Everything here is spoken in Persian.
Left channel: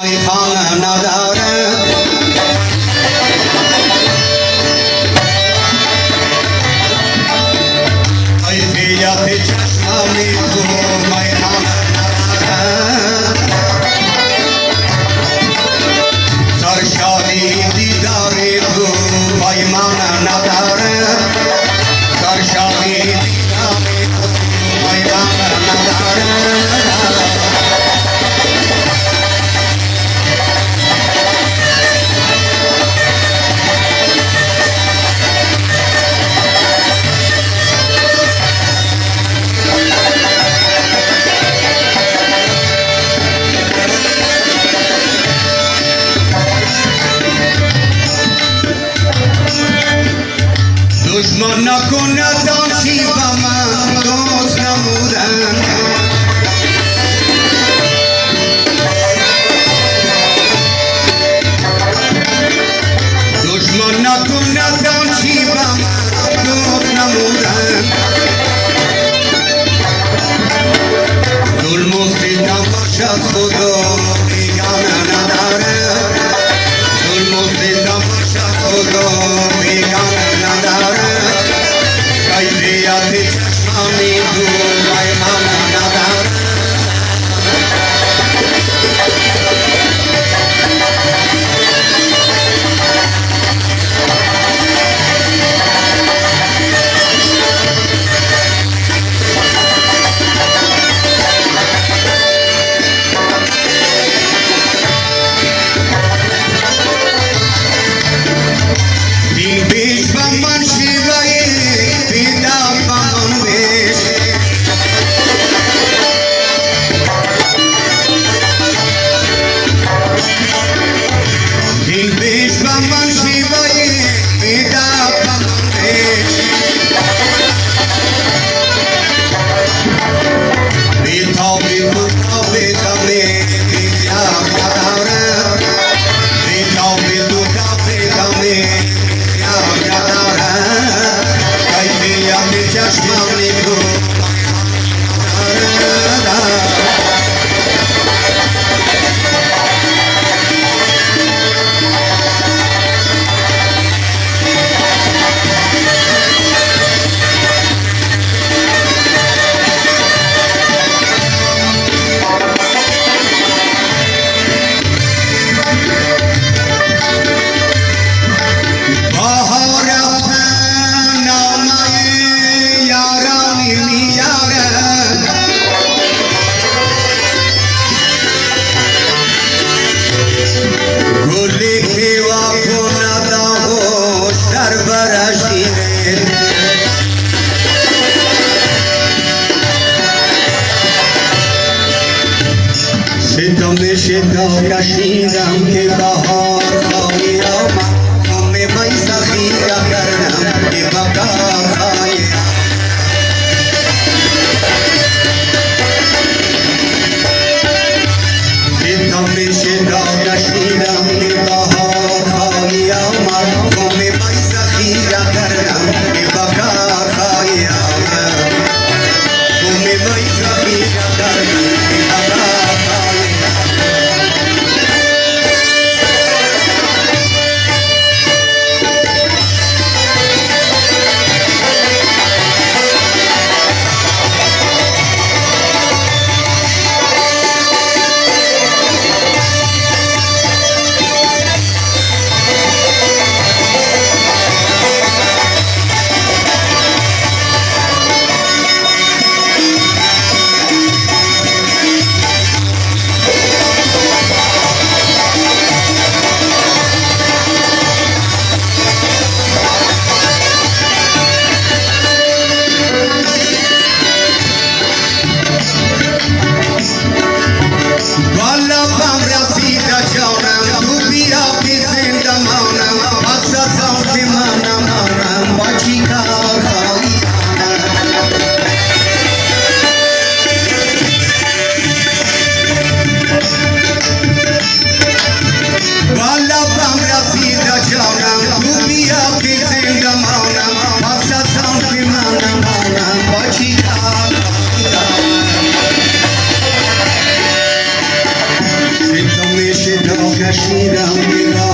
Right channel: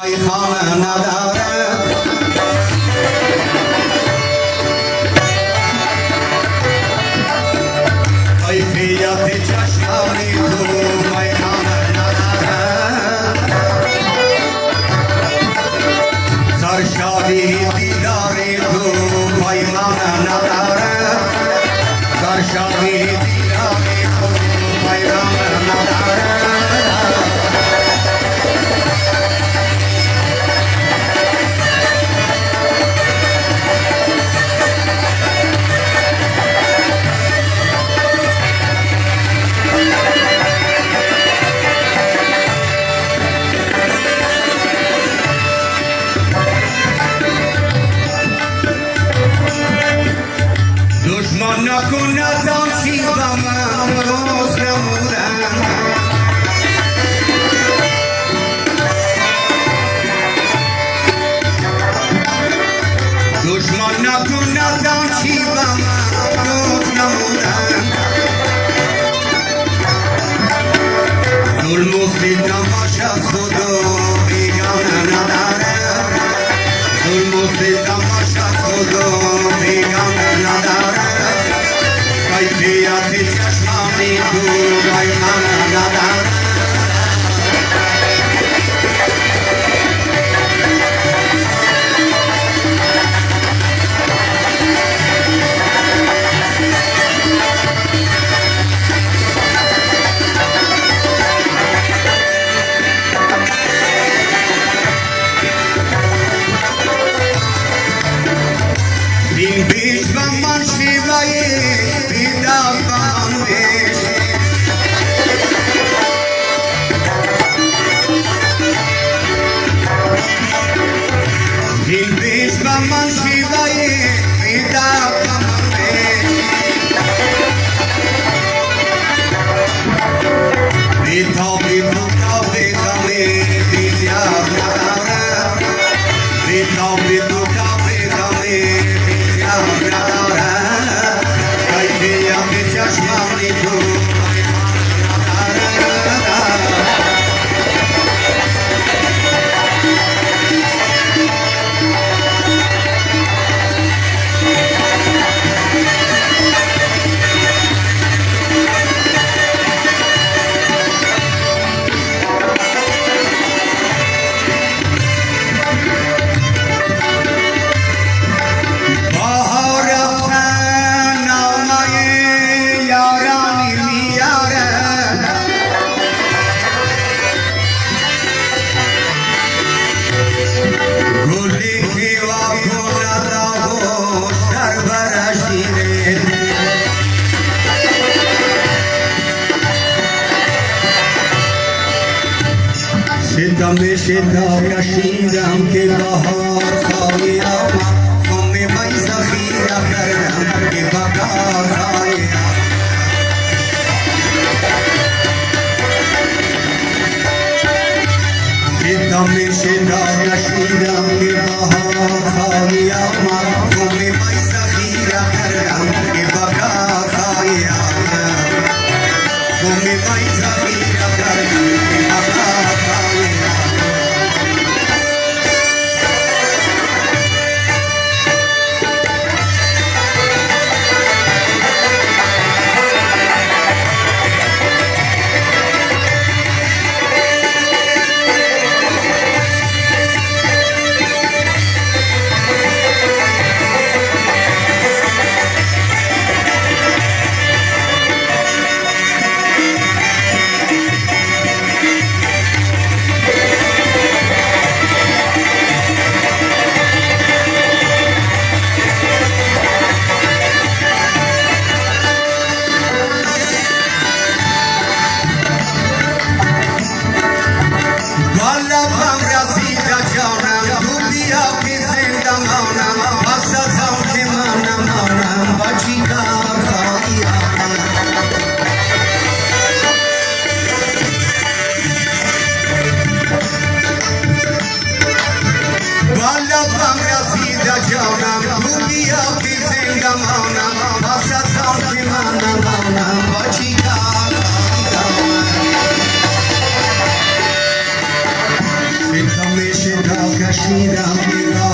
خانه نداره کیفیت چشمانی تو میخانه نداره سرشادی دیداری تو میخانه نداره سرشادی دیداری تو میخانه نداره دشمن نکن از آن شیوه من دوست نمودم دشمن نکن از آن شیوه من دوست نمودم ظلم و ستمش از خدا بیگانه نداره ظلم و ستمش از خدا بیگانه نداره کیفیت چشمانی تو میخانه نداره این بیش من شیوه بیدار کنم بیش این بیش من شیوه بیدار کنم بیش بیتابی مطابی کمی بیزیاب نداره بیتابی مطابی کمی چشمانی تو ستم کشیدم که بهار خواهی آمد خم می سخیدم کردم که بهار خواهی آمد ستم کشیدم که بهار خواهی آمد خم می سخیدم کردم که بهار خواهی آمد خم می سخیدم کردم که بهار शिरा मेरा